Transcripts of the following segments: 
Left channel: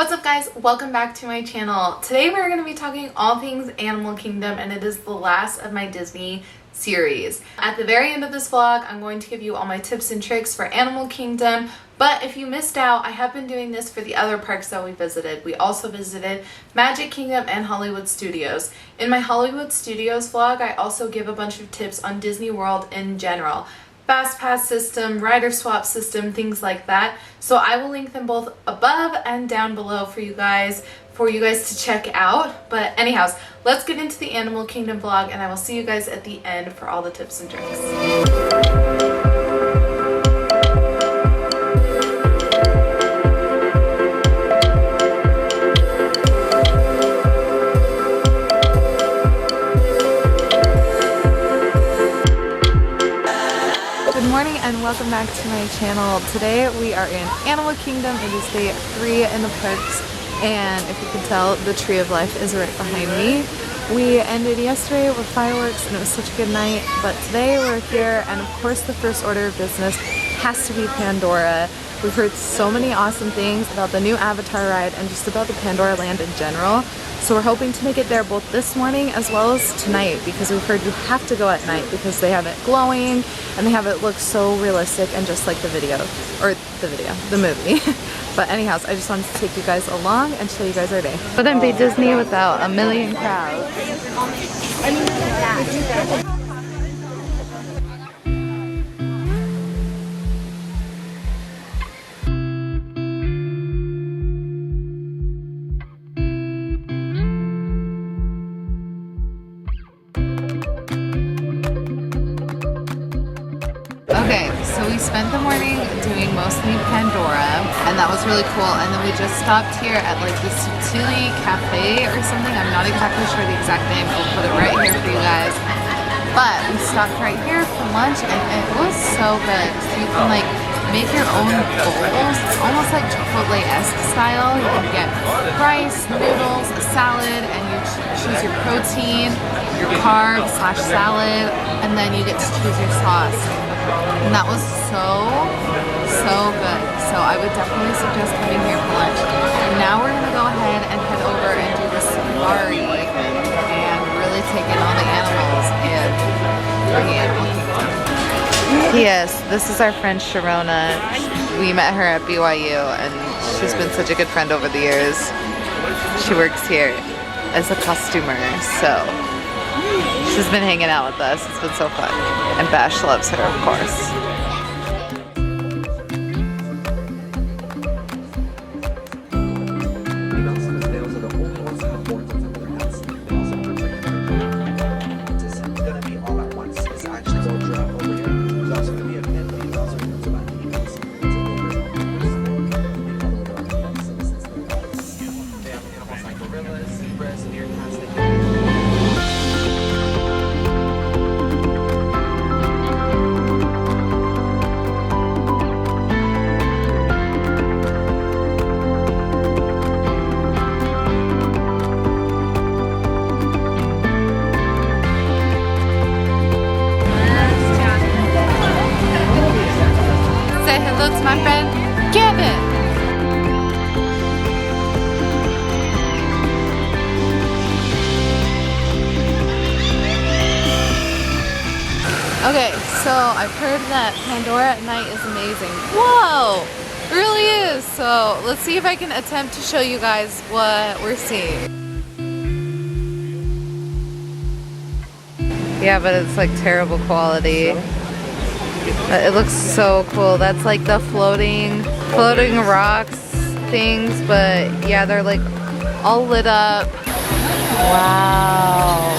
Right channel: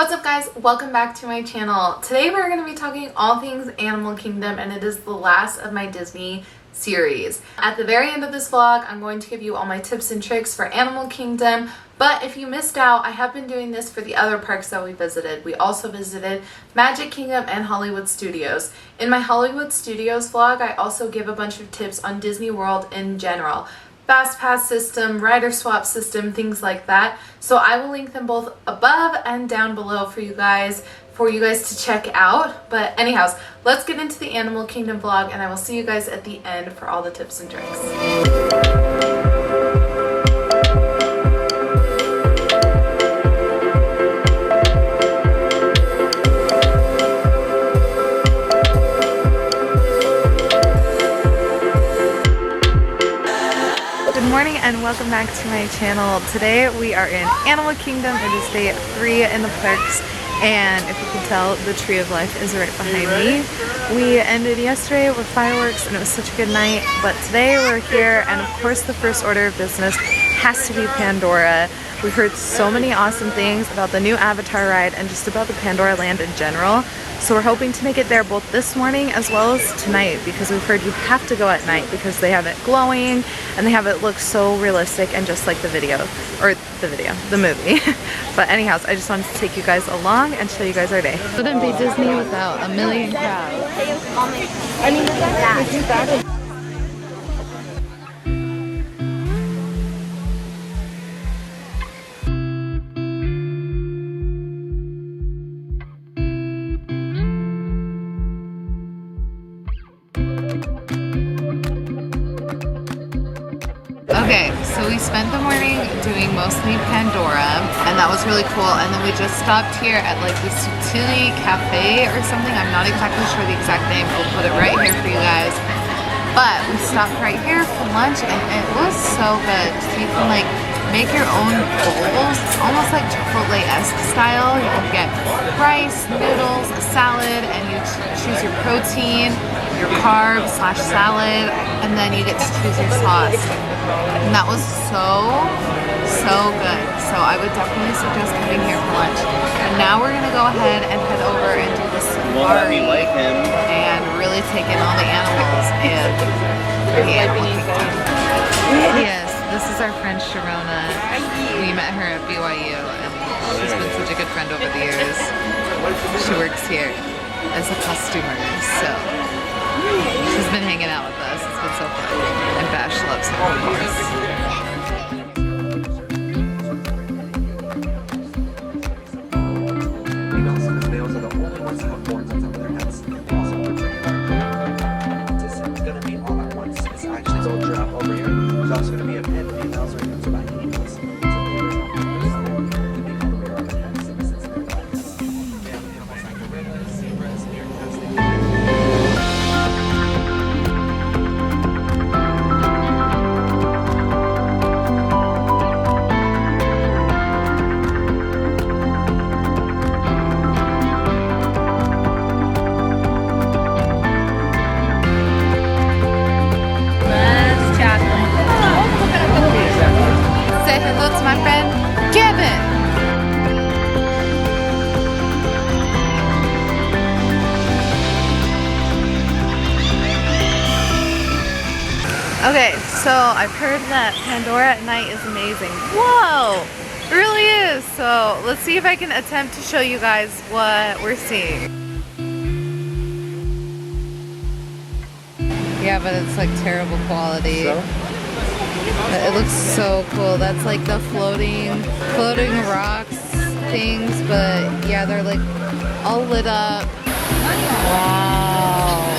What's up guys, welcome back to my channel. Today we're going to be talking all things Animal Kingdom, and it is the last of my Disney series. At the very end of this vlog, I'm going to give you all my tips and tricks for Animal Kingdom, but if you missed out, I have been doing this for the other parks that we visited. We also visited Magic Kingdom and Hollywood Studios. In my Hollywood Studios vlog, I also give a bunch of tips on Disney World in general. Fast pass system, rider swap system, things like that. So I will link them both above and down below for you guys to check out. But anyhow, let's get into the Animal Kingdom vlog, and I will see you guys at the end for all the tips and tricks. Good morning and welcome back to my channel. Today we are in Animal Kingdom. It is day 3 in the parks, and if you can tell, the Tree of Life is right behind me. We ended yesterday with fireworks and it was such a good night, but today we're here, and of course the first order of business has to be Pandora. We've heard so many awesome things about the new Avatar ride and just about the Pandora land in general. So we're hoping to make it there both this morning as well as tonight, because we've heard you have to go at night because they have it glowing and they have it look so realistic and just like the movie. But anyhow, I just wanted to take you guys along and show you guys our day. Wouldn't be Disney without a million crowds. Okay, so we spent the morning doing mostly Pandora, and that was really cool. And then we just stopped here at like the Sutili Cafe or something. I'm not exactly sure the exact name. I'll put it right here for you guys. But we stopped right here for lunch, and it was so good. So you can like make your own bowls. It's almost like Chipotle-esque style. You can get rice, noodles, a salad, and you choose your protein, your carbs / salad, and then you get to choose your sauce. And that was so good. So I would definitely suggest coming here for lunch. And now we're gonna go ahead and head over and do the safari and really take in all the animals in the Animal Kingdom. Yes, this is our friend Sharona. We met her at BYU, and she's been such a good friend over the years. She works here as a costumer, so she's been hanging out with us. It's been so fun. And Bash loves her, of course. That's my friend Kevin. Okay, so I've heard that Pandora at night is amazing. Whoa, it really is. So let's see if I can attempt to show you guys what we're seeing. Yeah, but it's like terrible quality. It looks so cool. That's like the floating rocks things, but yeah, they're like all lit up. Wow.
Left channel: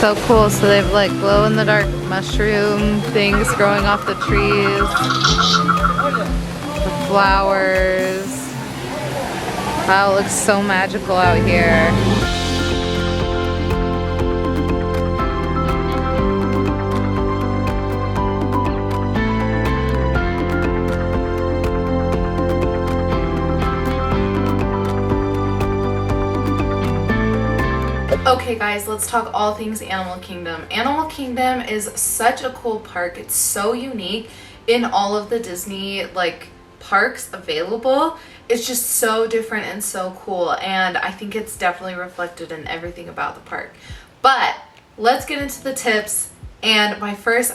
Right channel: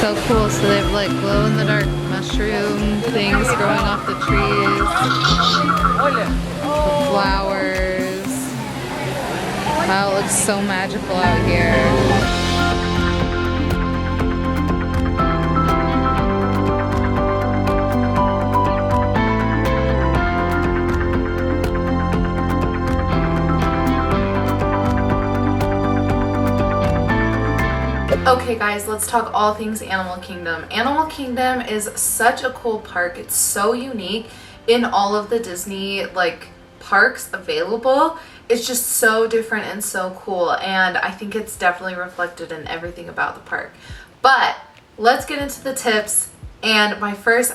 So cool. So they have like glow in the dark mushroom things growing off the trees. The flowers. Wow, it looks so magical out here. Okay guys, let's talk all things Animal Kingdom. Animal Kingdom is such a cool park. It's so unique in all of the Disney like parks available. It's just so different and so cool, and I think it's definitely reflected in everything about the park. But let's get into the tips. And I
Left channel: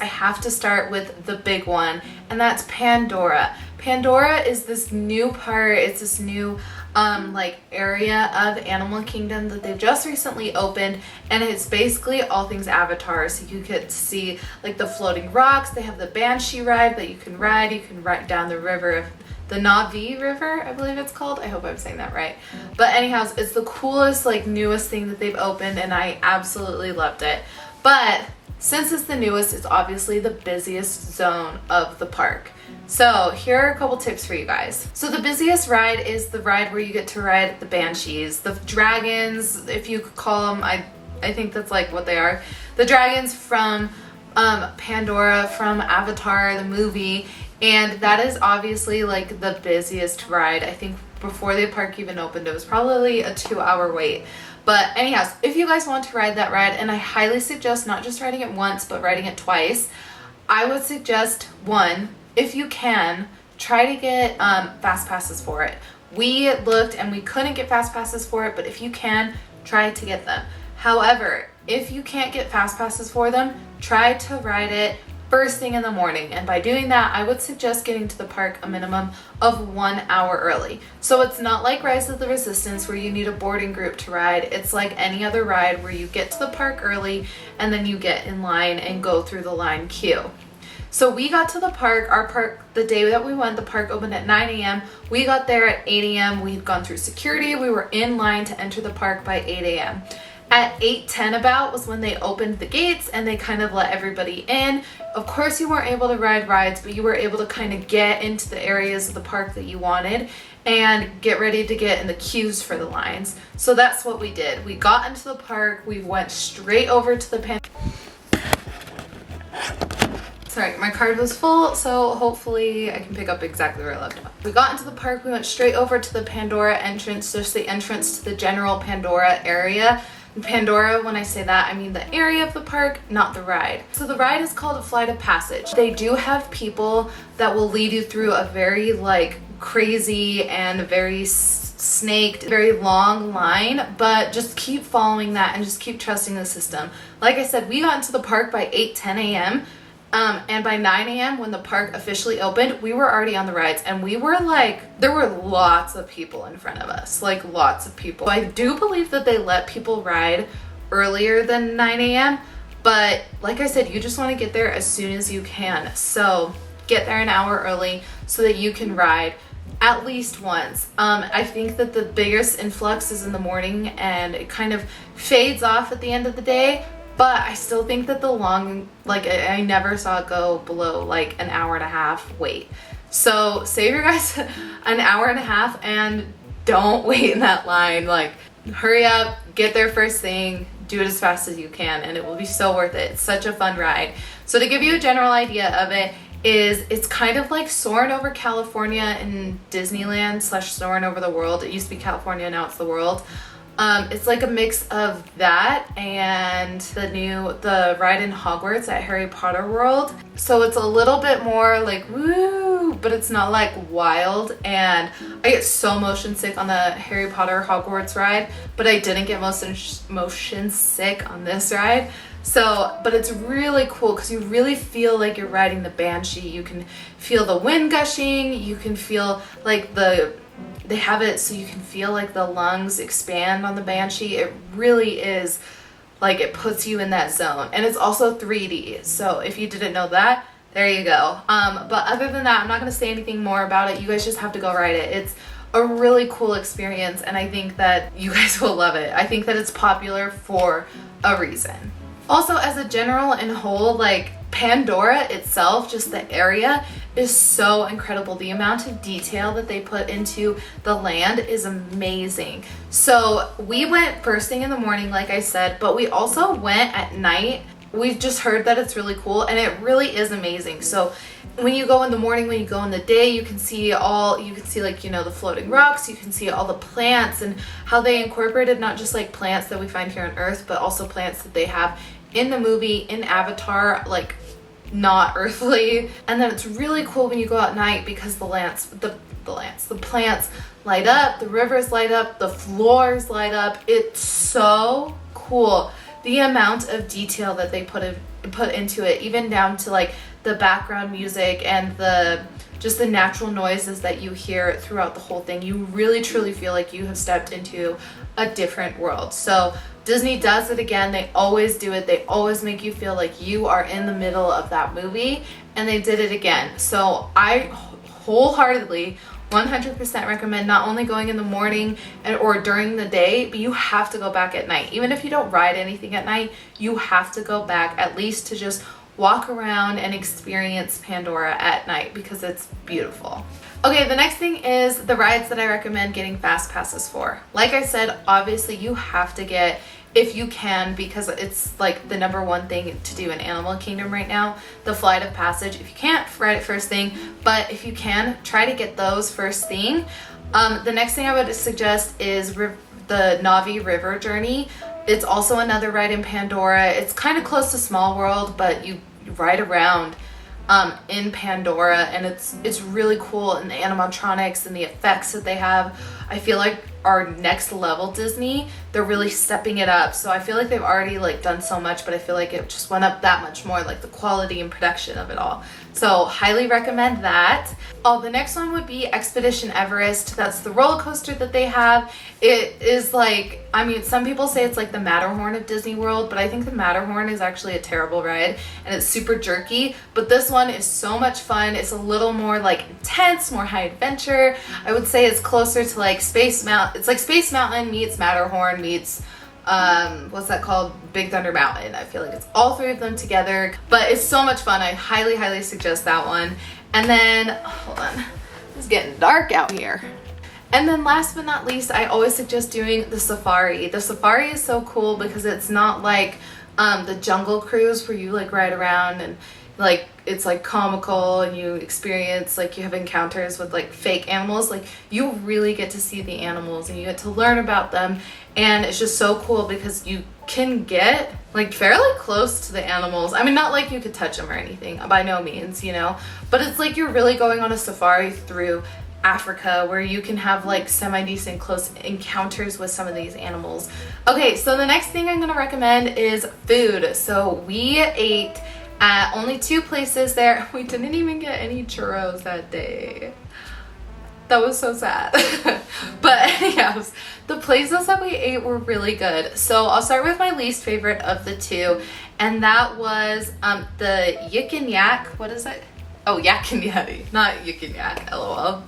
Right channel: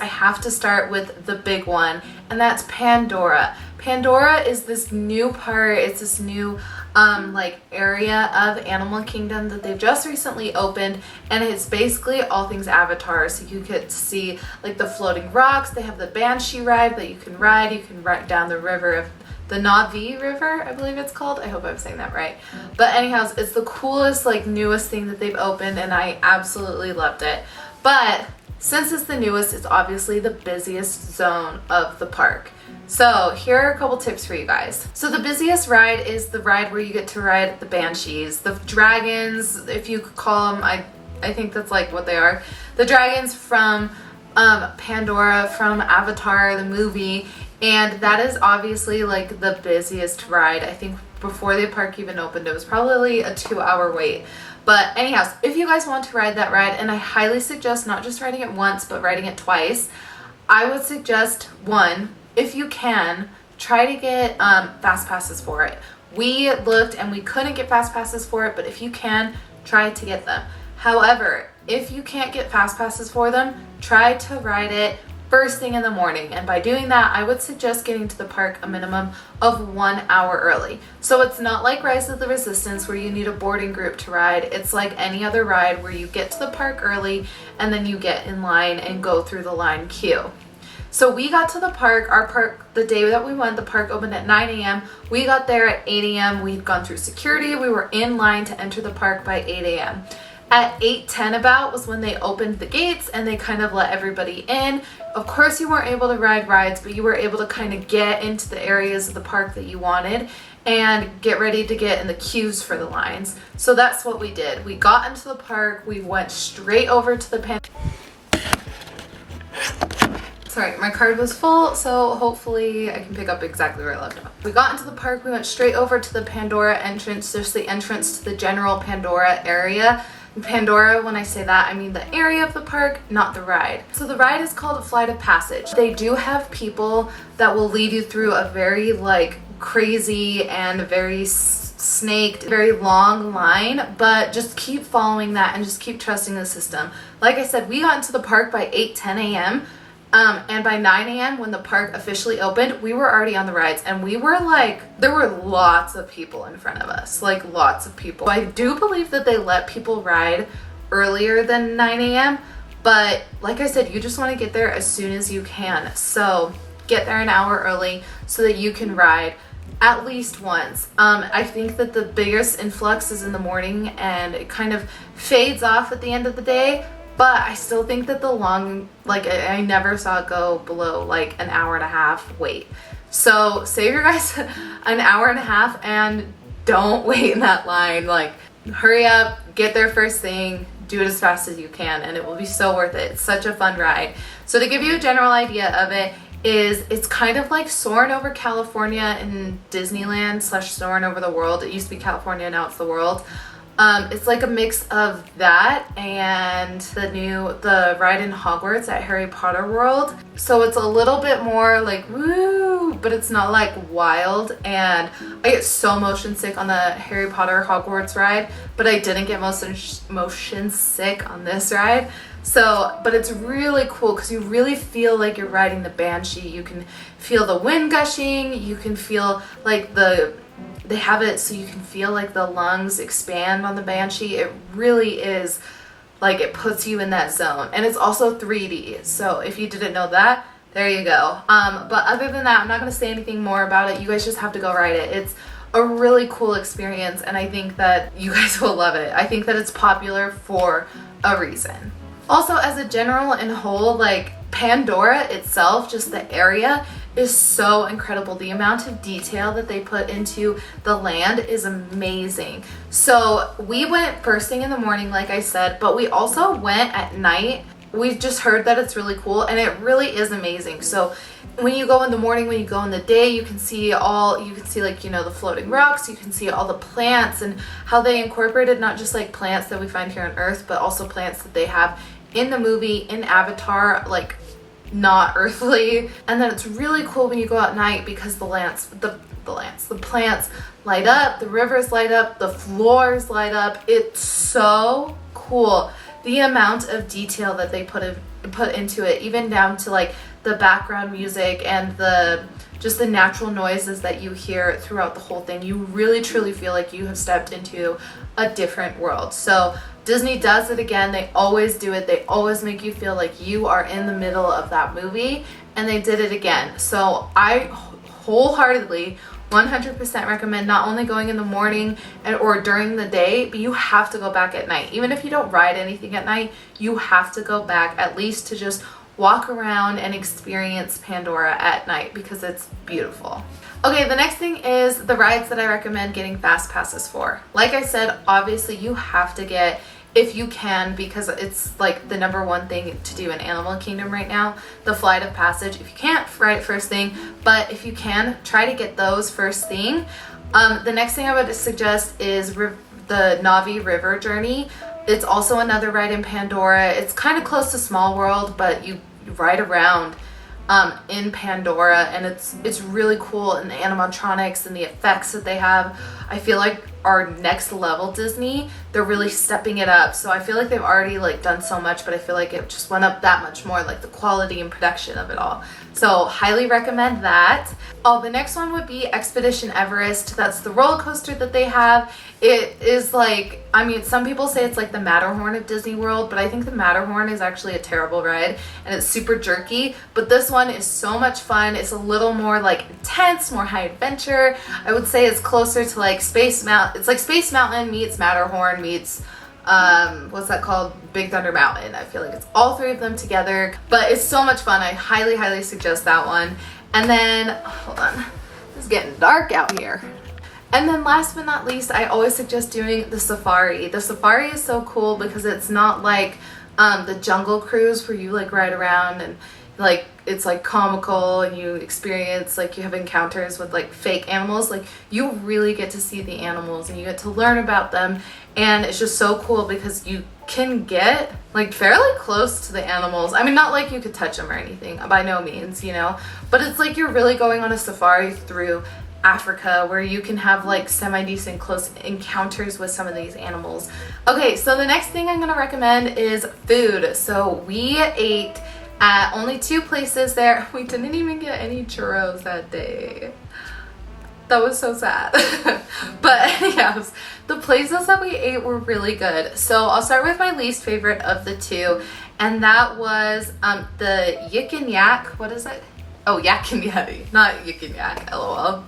have to start with the big one, and that's Pandora. Pandora is this new part, it's this new like area of Animal Kingdom that they've just recently opened, and it's basically all things Avatar. So you get to see like the floating rocks, they have the Banshee ride that you can ride down the river, the Navi River, I believe it's called. I hope I'm saying that right. But anyhow, it's the coolest, like newest thing that they've opened, and I absolutely loved it. But since it's the newest, it's obviously the busiest zone of the park. So here are a couple tips for you guys. So the busiest ride is the ride where you get to ride the Banshees, the dragons, if you could call them, I think that's like what they are. The dragons from Pandora, from Avatar, the movie, and that is obviously like the busiest ride. I think before the park even opened, it was probably a 2-hour wait. But anyhow, if you guys want to ride that ride, and I highly suggest not just riding it once, but riding it twice, I would suggest one, if you can, try to get fast passes for it. We looked and we couldn't get fast passes for it, but if you can, try to get them. However, if you can't get fast passes for them, try to ride it first thing in the morning, and by doing that, I would suggest getting to the park a minimum of 1 hour early. So it's not like Rise of the Resistance where you need a boarding group to ride. It's like any other ride where you get to the park early and then you get in line and go through the line queue. So we got to the park, the day that we went, the park opened at 9 a.m. We got there at 8 a.m. We had gone through security. We were in line to enter the park by 8 a.m. At 8:10 about was when they opened the gates and they kind of let everybody in. Of course, you weren't able to ride rides, but you were able to kind of get into the areas of the park that you wanted and get ready to get in the queues for the lines. So that's what we did. We got into the park, we went straight over to the Sorry, my card was full, so hopefully I can pick up exactly where I left off. We got into the park, we went straight over to the Pandora entrance, just the entrance to the general Pandora area. Pandora, when I say that, I mean the area of the park, not the ride. So the ride is called a Flight of Passage. They do have people that will lead you through a very like crazy and very snaked, very long line, but just keep following that and just keep trusting the system. Like I said, we got into the park by 8:10 a.m. And by 9 a.m. when the park officially opened, we were already on the rides, and we were like, there were lots of people in front of us, like lots of people. I do believe that they let people ride earlier than 9 a.m. But like I said, you just want to get there as soon as you can. So get there an hour early so that you can ride at least once. I think that the biggest influx is in the morning and it kind of fades off at the end of the day. But I still think that the long, like I never saw it go below like an hour and a half wait. So save your guys an hour and a half and don't wait in that line. Like hurry up, get there first thing, do it as fast as you can, and it will be so worth it. It's such a fun ride. So to give you a general idea of it, it's kind of like soaring over California in Disneyland / soaring over the world. It used to be California, now it's the world. It's like a mix of that and the ride in Hogwarts at Harry Potter World. So it's a little bit more like woo, but it's not like wild. And I get so motion sick on the Harry Potter Hogwarts ride, but I didn't get motion sick on this ride. So, but it's really cool because you really feel like you're riding the Banshee. You can feel the wind gushing. You can feel like they have it so you can feel like the lungs expand on the Banshee. It really is like it puts you in that zone. And it's also 3D. So if you didn't know that, there you go. But other than that, I'm not going to say anything more about it. You guys just have to go ride it. It's a really cool experience, and I think that you guys will love it. I think that it's popular for a reason. Also, as a general and whole, like Pandora itself, just the area is so incredible. The amount of detail that they put into the land is amazing. So we went first thing in the morning, like I said, but we also went at night we've just heard that it's really cool, and it really is amazing. So when you go in the morning, when you go in the day, you can see like, you know, the floating rocks, you can see all the plants and how they incorporated not just like plants that we find here on Earth, but also plants that they have in the movie, in Avatar, like not earthly. And then it's really cool when you go out at night because the plants light up, the rivers light up, the floors light up. It's so cool. The amount of detail that they put into it, even down to like the background music and just the natural noises that you hear throughout the whole thing. You really truly feel like you have stepped into a different world. So Disney does it again. They always do it. They always make you feel like you are in the middle of that movie, and they did it again. So I wholeheartedly 100% recommend not only going in the morning or during the day, but you have to go back at night. Even if you don't ride anything at night, you have to go back at least to just walk around and experience Pandora at night because it's beautiful. Okay, the next thing is the rides that I recommend getting fast passes for. Like I said, obviously you have to get, if you can, because it's like the #1 thing to do in Animal Kingdom right now, the Flight of Passage. If you can't, ride it first thing, but if you can, try to get those first thing. The next thing I would suggest is the Navi River Journey. It's also another ride in Pandora. It's kind of close to Small World, but you ride around in Pandora, and it's really cool, and the animatronics and the effects that they have, I feel like are next level Disney. They're really stepping it up. So I feel like they've already like done so much, but I feel like it just went up that much more, like the quality and production of it all. So highly recommend that. Oh, the next one would be Expedition Everest. That's the roller coaster that they have. It is like, I mean, some people say it's like the Matterhorn of Disney World, but I think the Matterhorn is actually a terrible ride and it's super jerky. But this one is so much fun. It's a little more like intense, more high adventure. I would say it's closer to like Space Mountain. It's like Space Mountain meets Matterhorn meets what's that called? Big Thunder Mountain. I feel like it's all three of them together, but it's so much fun. I highly suggest that one. And then, hold on, it's getting dark out here. And then last but not least, I always suggest doing the safari. The safari is so cool because it's not like the Jungle Cruise where you like ride around and like it's like comical and you experience like you have encounters with like fake animals. Like you really get to see the animals and you get to learn about them, and it's just so cool because you can get like fairly close to the animals. I mean, not like you could touch them or anything, by no means, you know, but it's like you're really going on a safari through Africa where you can have like semi-decent close encounters with some of these animals. Okay, so the next thing I'm gonna recommend is food. So we ate at only 2 places there. We didn't even get any churros that day. That was so sad. But anyways, the places that we ate were really good. So I'll start with my least favorite of the 2, and that was the Yik and Yak. What is it? Oh, Yak and Yeti, not Yik and Yak, LOL.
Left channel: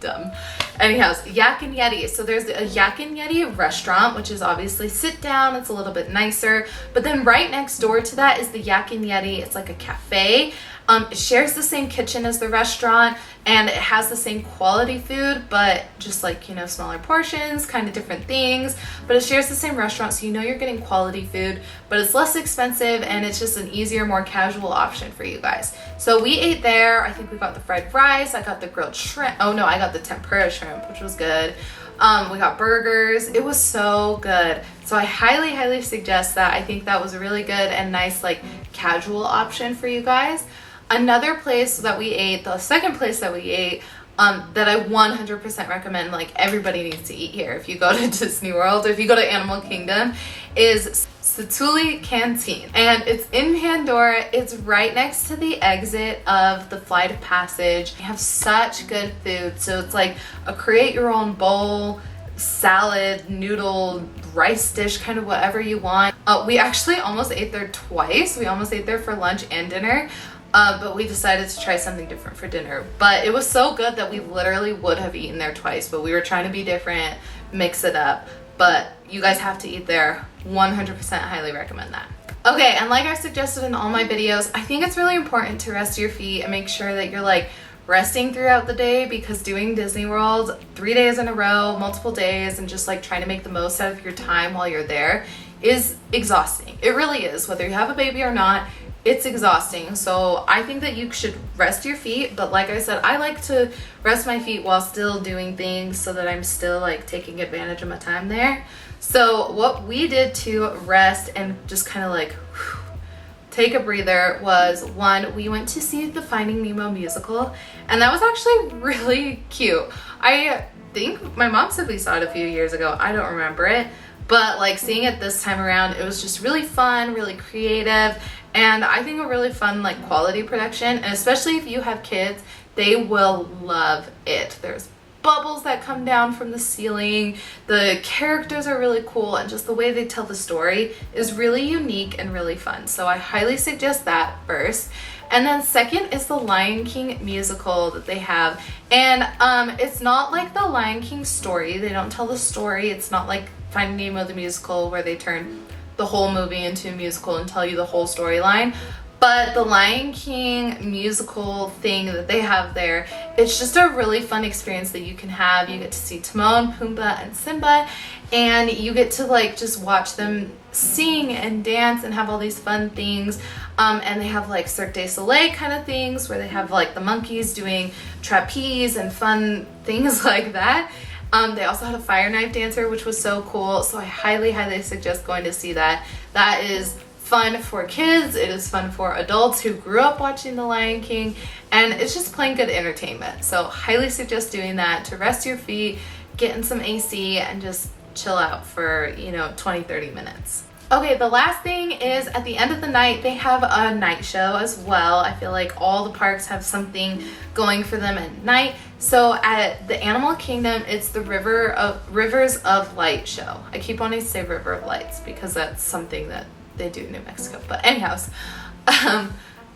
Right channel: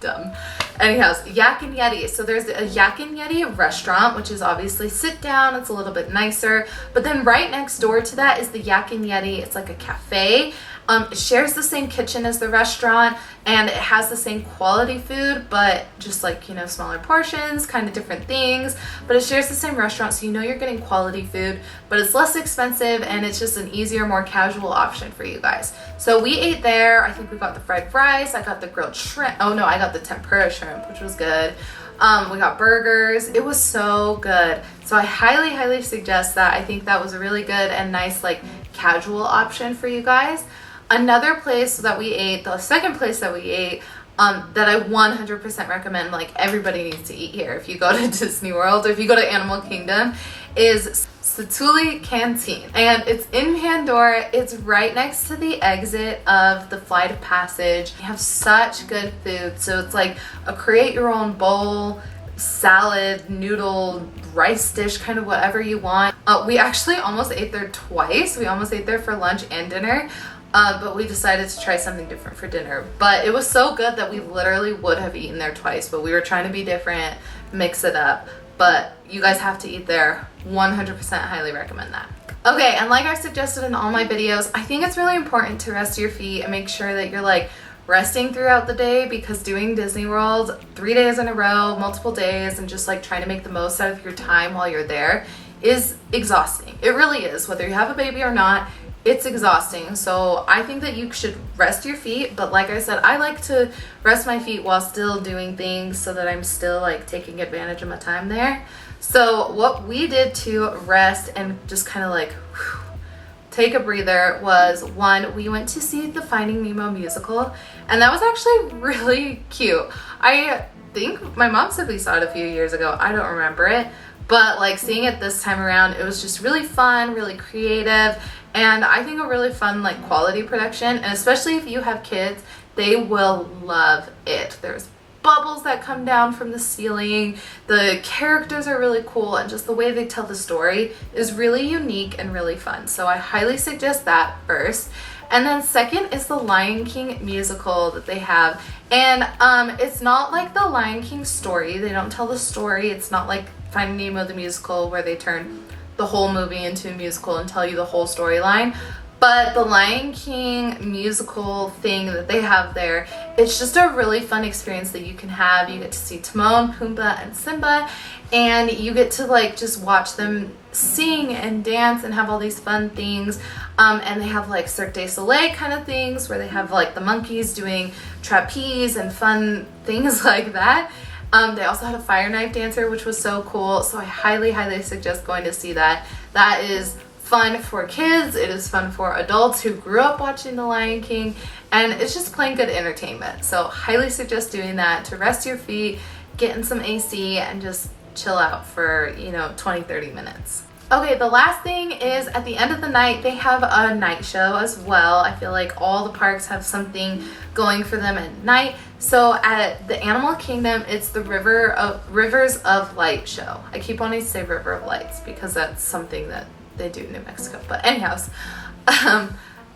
Dumb. Anyhow, Yak and Yeti. So there's a Yak and Yeti restaurant, which is obviously sit down. It's a little bit nicer. But then right next door to that is the Yak and Yeti. It's like a cafe. It shares the same kitchen as the restaurant, and it has the same quality food, but just like, you know, smaller portions, kind of different things. But it shares the same restaurant, so you know you're getting quality food, but it's less expensive, and it's just an easier, more casual option for you guys. So we ate there. I think we got the fried rice. I got the grilled shrimp. Oh no, I got the tempura shrimp, which was good. We got burgers. It was so good. So I highly suggest that. I think that was a really good and nice like casual option for you guys. Another place that we ate, the second place that we ate, that I 100% recommend, like everybody needs to eat here if you go to Disney World or if you go to Animal Kingdom, is Satuli Canteen. And it's in Pandora. It's right next to the exit of the Flight of Passage. They have such good food. So it's like a create your own bowl, salad, noodle, rice dish, kind of whatever you want. We actually almost ate there twice. We almost ate there for lunch and dinner. But we decided to try something different for dinner. But it was so good that we literally would have eaten there twice, but we were trying to be different, mix it up. But you guys have to eat there. 100% highly recommend that. Okay, and like I suggested in all my videos, I think it's really important to rest your feet and make sure that you're like resting throughout the day, because doing Disney World 3 days in a row, multiple days, and just like trying to make the most out of your time while you're there is exhausting. It really is. Whether you have a baby or not, it's exhausting. So I think that you should rest your feet, but like I said, I like to rest my feet while still doing things so that I'm still like taking advantage of my time there. So what we did to rest and just kind of like take a breather was, one, we went to see the Finding Nemo musical, and that was actually really cute. I think my mom said we saw it a few years ago. I don't remember it, but like seeing it this time around, it was just really fun, really creative, and I think a really fun like quality production. And especially if you have kids, they will love it. There's bubbles that come down from the ceiling. The characters are really cool, and just the way they tell the story is really unique and really fun. So I highly suggest that first. And then second is the Lion King musical that they have. And it's not like the Lion King story. They don't tell the story. It's not like Finding Nemo the musical where they turn the whole movie into a musical and tell you the whole storyline. But the Lion King musical thing that they have there, it's just a really fun experience that you can have. You get to see Timon, Pumbaa, and Simba, and you get to like just watch them sing and dance and have all these fun things. And they have like Cirque du Soleil kind of things where they have like the monkeys doing trapeze and fun things like that. They also had a fire knife dancer, which was so cool. So I highly, highly suggest going to see that. That is fun for kids. It is fun for adults who grew up watching The Lion King, and it's just plain good entertainment. So highly suggest doing that to rest your feet, get in some AC, and just chill out for, 20-30 minutes. Okay, the last thing is at the end of the night, they have a night show as well. I feel like all the parks have something going for them at night. So at the Animal Kingdom, it's the Rivers of Light show. I keep wanting to say River of Lights because that's something that they do in New Mexico. But anyhows,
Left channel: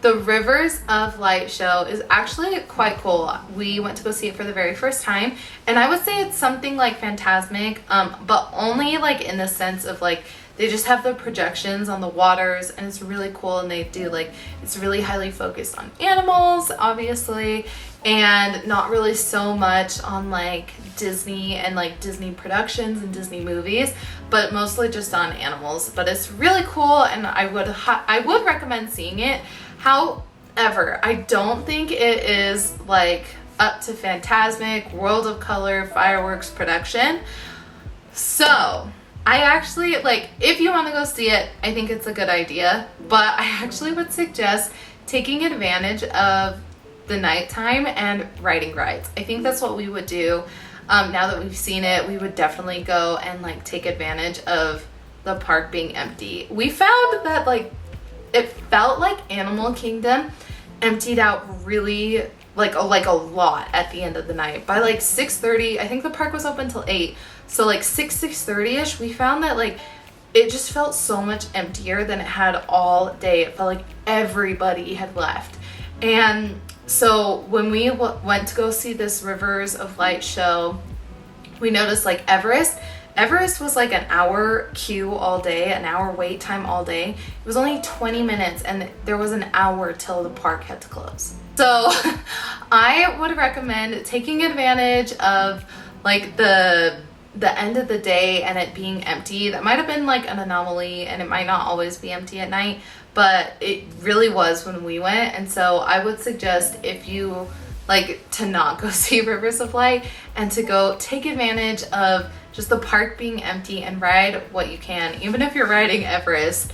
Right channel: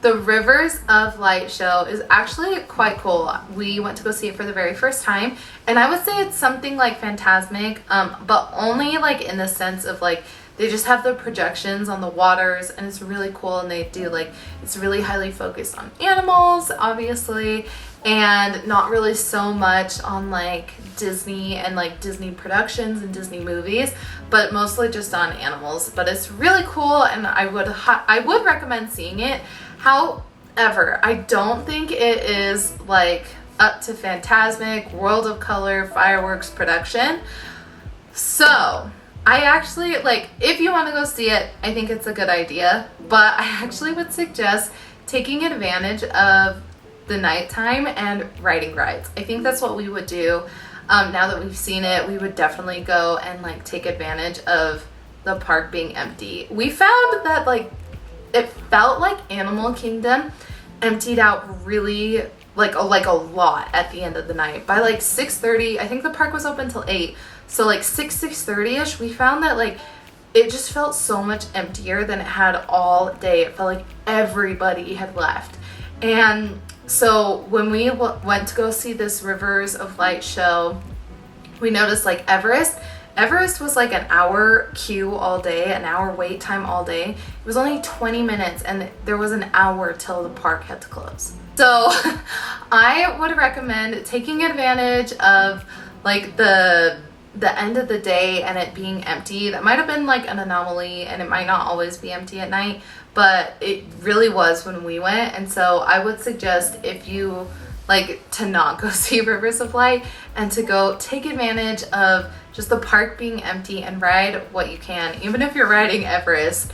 the Rivers of Light show is actually quite cool. We went to go see it for the very first time, and I would say it's something like Fantasmic, but only like in the sense of like they just have the projections on the waters, and it's really cool. And they do like, it's really highly focused on animals, obviously, and not really so much on like Disney and like Disney productions and Disney movies, but mostly just on animals. But it's really cool, and I would recommend seeing it. However, I don't think it is like up to Fantasmic, World of Color, fireworks production. So I actually, like, if you want to go see it, I think it's a good idea, but I actually would suggest taking advantage of the nighttime and riding rides. I think that's what we would do. Now that we've seen it, we would definitely go and like take advantage of the park being empty. We found that like it felt like Animal Kingdom emptied out really like a lot at the end of the night. By like 6:30, I think the park was open till 8. So like 6:30ish, we found that like it just felt so much emptier than it had all day. It felt like everybody had left. And so when we went to go see this Rivers of Light show, we noticed like Everest was like an hour queue all day, an hour wait time all day. It was only 20 minutes, and there was an hour till the park had to close. So I would recommend taking advantage of like the end of the day and it being empty. That might have been like an anomaly, and it might not always be empty at night, but it really was when we went. And so I would suggest, if you like, to not go see Rivers of Light and to go take advantage of just the park being empty and ride what you can. Even if you're riding Everest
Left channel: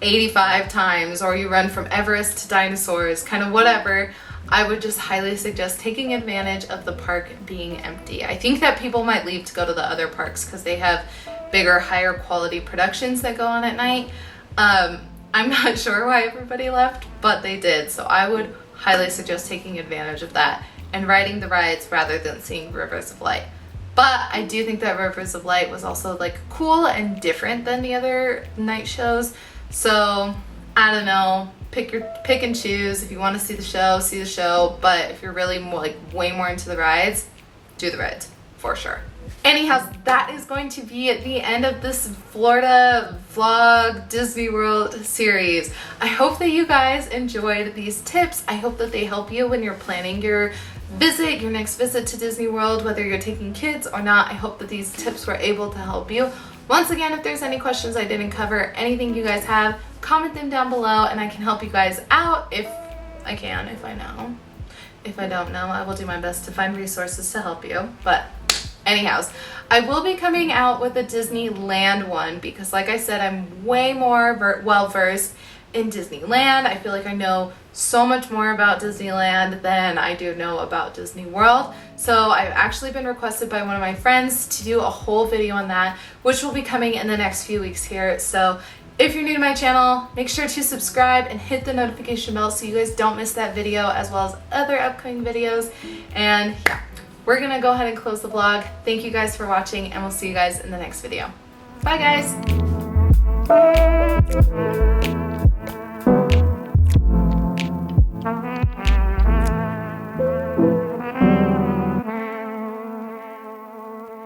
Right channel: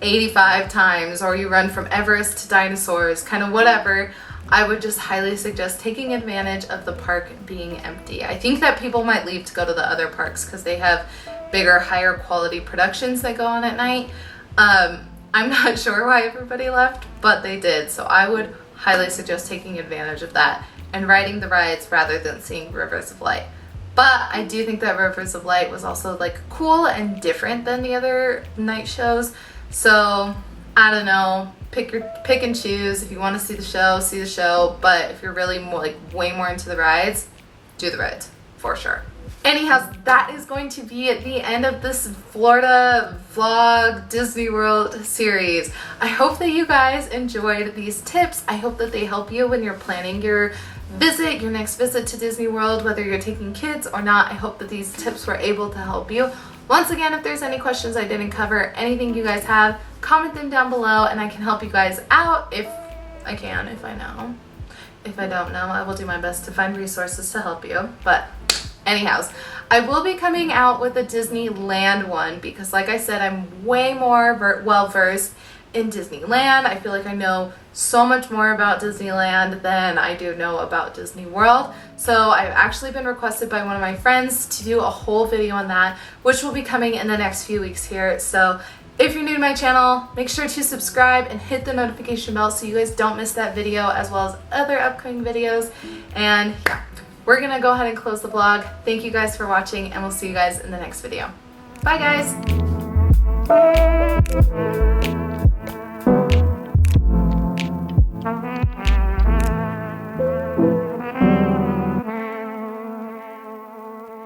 85 times, or you run from Everest to dinosaurs, kind of whatever, I would just highly suggest taking advantage of the park being empty. I think that people might leave to go to the other parks because they have bigger, higher quality productions that go on at night. I'm not sure why everybody left, but they did. So I would highly suggest taking advantage of that and riding the rides rather than seeing Rivers of Light. But I do think that Rivers of Light was also like cool and different than the other night shows. So I don't know, pick and choose. If you want to see the show. But if you're really more, like way more into the rides, do the rides for sure. Anyhow, that is going to be at the end of this Florida vlog Disney World series. I hope that you guys enjoyed these tips. I hope that they help you when you're planning your next visit to Disney World, whether you're taking kids or not. I hope that these tips were able to help you. Once again, if there's any questions I didn't cover, anything you guys have, comment them down below and I can help you guys out if I can, if I know. If I don't know, I will do my best to find resources to help you. But anyhows, I will be coming out with a Disneyland one because like I said, I'm way more well-versed in Disneyland. I feel like I know so much more about Disneyland than I do know about Disney World. So I've actually been requested by one of my friends to do a whole video on that, which will be coming in the next few weeks here. So if you're new to my channel, make sure to subscribe and hit the notification bell so you guys don't miss that video as well as other upcoming videos. And yeah, we're gonna go ahead and close the vlog. Thank you guys for watching and we'll see you guys in the next video. Bye guys.